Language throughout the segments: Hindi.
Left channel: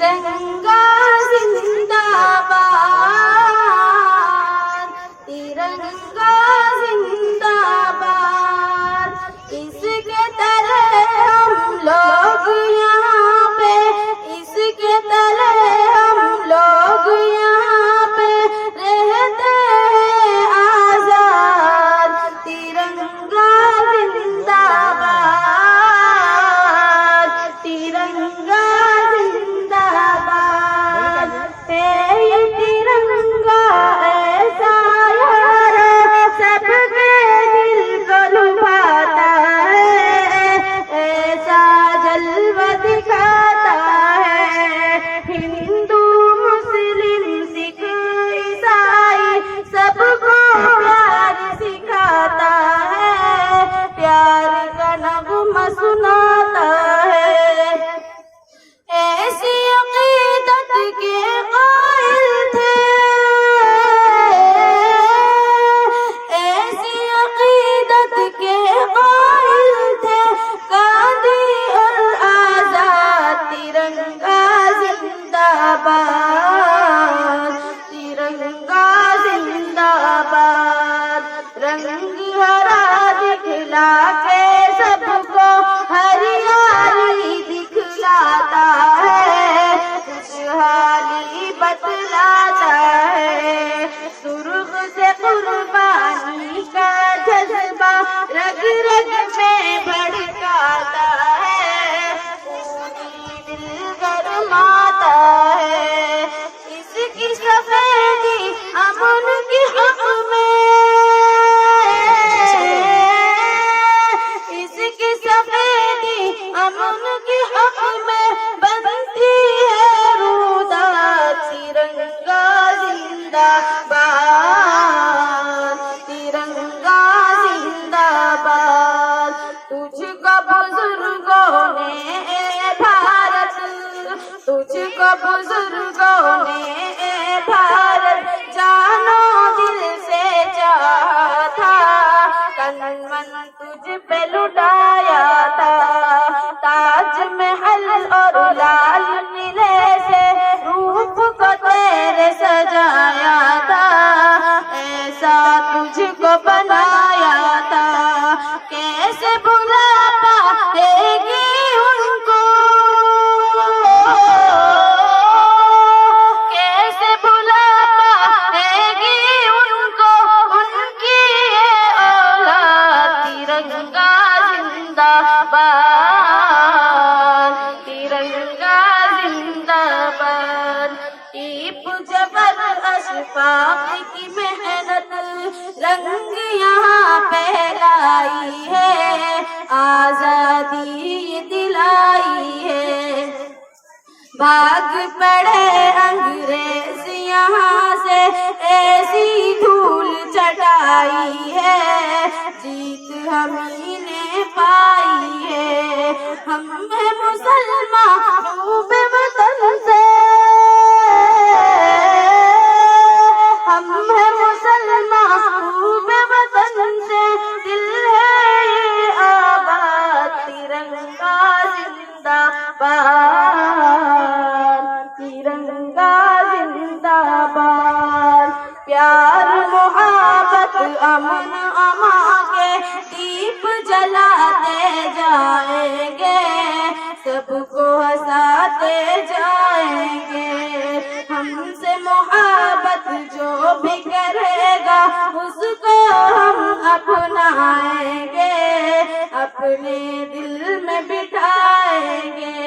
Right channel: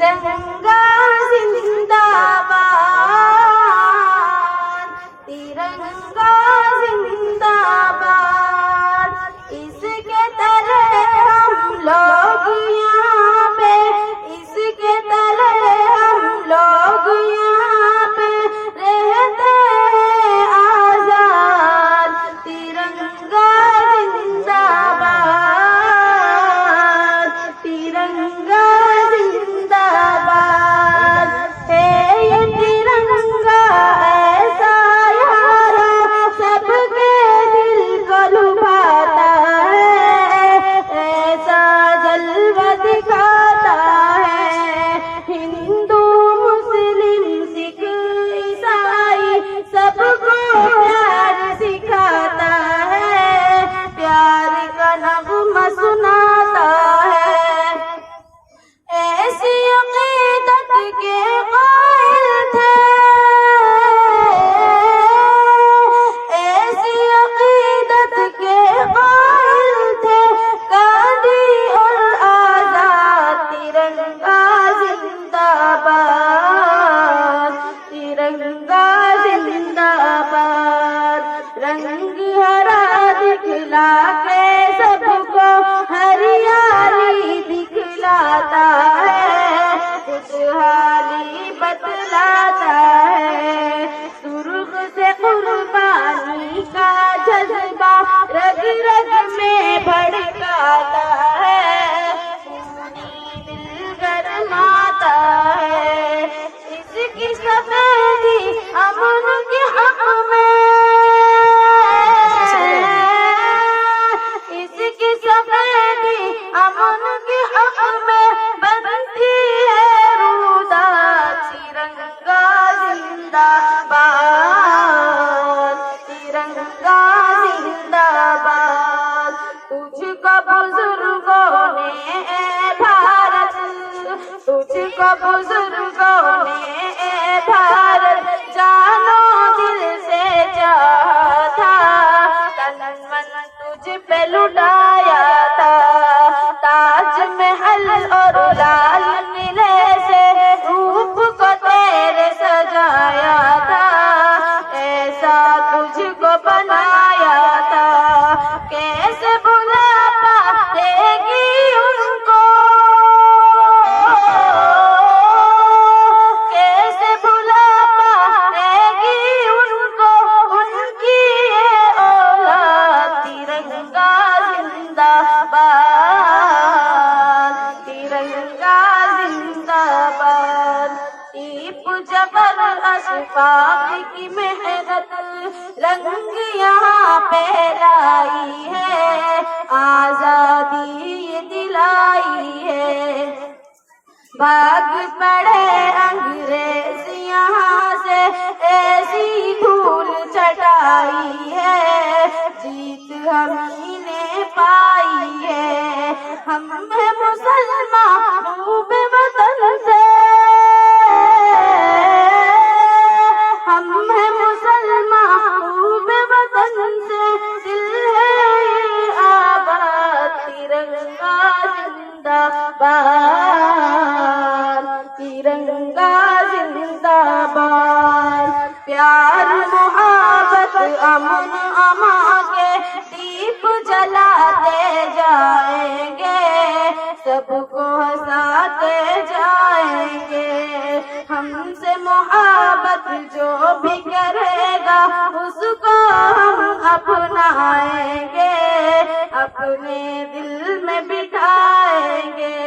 तिरंगा जिंदाबाद, तिरंगा जिंदाबाद। इसके तले हम लोग यहाँ पे, इसके तले हम लोग यहाँ पे रहते हैं आजाद। तिरंगा जिंदाबाद, तिरंगा जिंदाबाद। है ये तिरंगा ऐसा यार सबके दिल को लुभाता है, ऐसा जलवा दिखाता है। हिंदू मुस्लिम सिख ईसाई सबको प्यार सिखाता है, प्यार का नगमा सुनाता है। ऐसी अक़ीदत के कायल थे, ऐसी अक़ीदत के कायल थे गांधी और आजाद। तिरंगा जिंदाबाद, तिरंगा जिंदाबाद। रंग हरा दिखला के सबको हरियाली दिखलाता है, खुशहाली बतलाता है। सुर्ख से कुर्बानी का जज्बा रग रग में भड़काता है, पूरी दिल गरमाता है। इसकी सफेदी अमन के हक में, इसकी सफेदी अमन के हक में बनती है रूदा। तिरंगा जिंदाबाद, तिरंगा जिंदाबाद। तुझको बुजुर्गों ने ए भारत, तुझको बुजुर्गों ने ए भारत जानो दिल से चाहा था। तन मन तुझ पे लुटाया था, ताजमहल और लाल किले से रूप को तेरे सजाया था। ऐसा तुझको बनाया था, कैसे भुला पाएगी उनको, कैसे भुला पाएगी उनको उनकी ये औलाद। तिरंगा जिंदाबाद, तिरंगा जिंदाबाद। टीप जबर अशफाक की मेहनत रंग यहाँ पे लाई है, आजादी ये दिलाई है। भाग पड़े अंग्रेज यहाँ से ऐसी धूल चटाई है, जीत हमही ने पाई है। हम हैं मुसलमान खूब वतन से, हम हैं मुसलमान खूब वतन से, दिल है ये आबाद। तिरंगा जिंदाबाद, तिरंगा जिंदाबाद। प्यार मोहब्बत अमन अमा के दीप जलाते जाएंगे, सबको हंसाते जाएंगे। हमसे मोहब्बत जो भी करेगा उसको हम अपनाएंगे, अपने दिल में बिठाएंगे।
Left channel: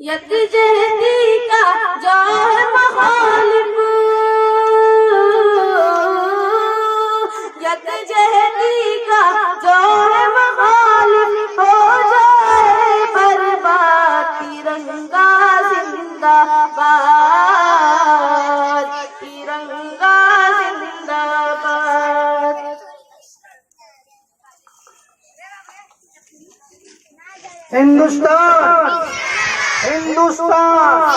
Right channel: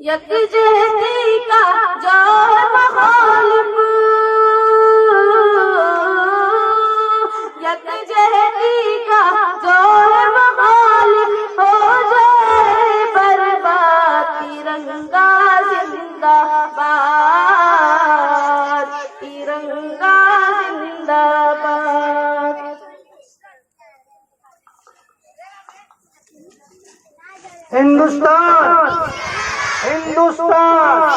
यकजहती का जो है मखालिफ, यकजहती का जो है मखालिफ हो जाए बर्बाद। तिरंगा जिंदाबाद, तिरंगा जिंदाबाद। हिंदुस्तान, हिंदुस्तान,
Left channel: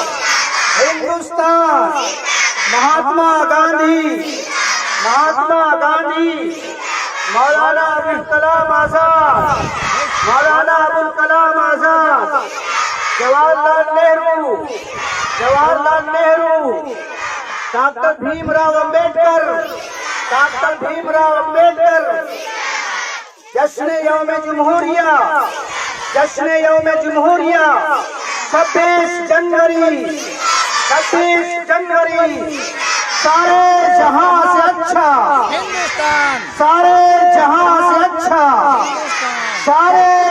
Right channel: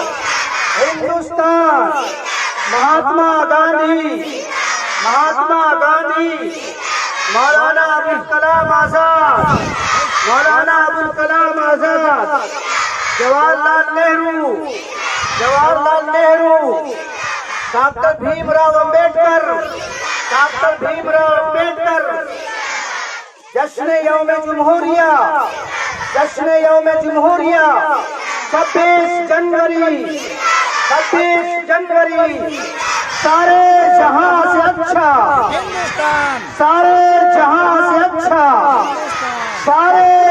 हिंदुस्तान। महात्मा गांधी, महात्मा गांधी, मौलाना अबुल कलाम आजाद, मौलाना अबुल कलाम आजाद। Jawaharlal Nehru, Jawaharlal Nehru, doctor Bhimrao Ambedkar, doctor Bhimrao Ambedkar. जश्न यौम जमहूरिया, जश्न यौम जमहूरिया 26 जनवरी, 26 जनवरी सारे जहां से अच्छा हिंदुस्तान, सारे जहां से अच्छा, हिंदुस्तान, सारे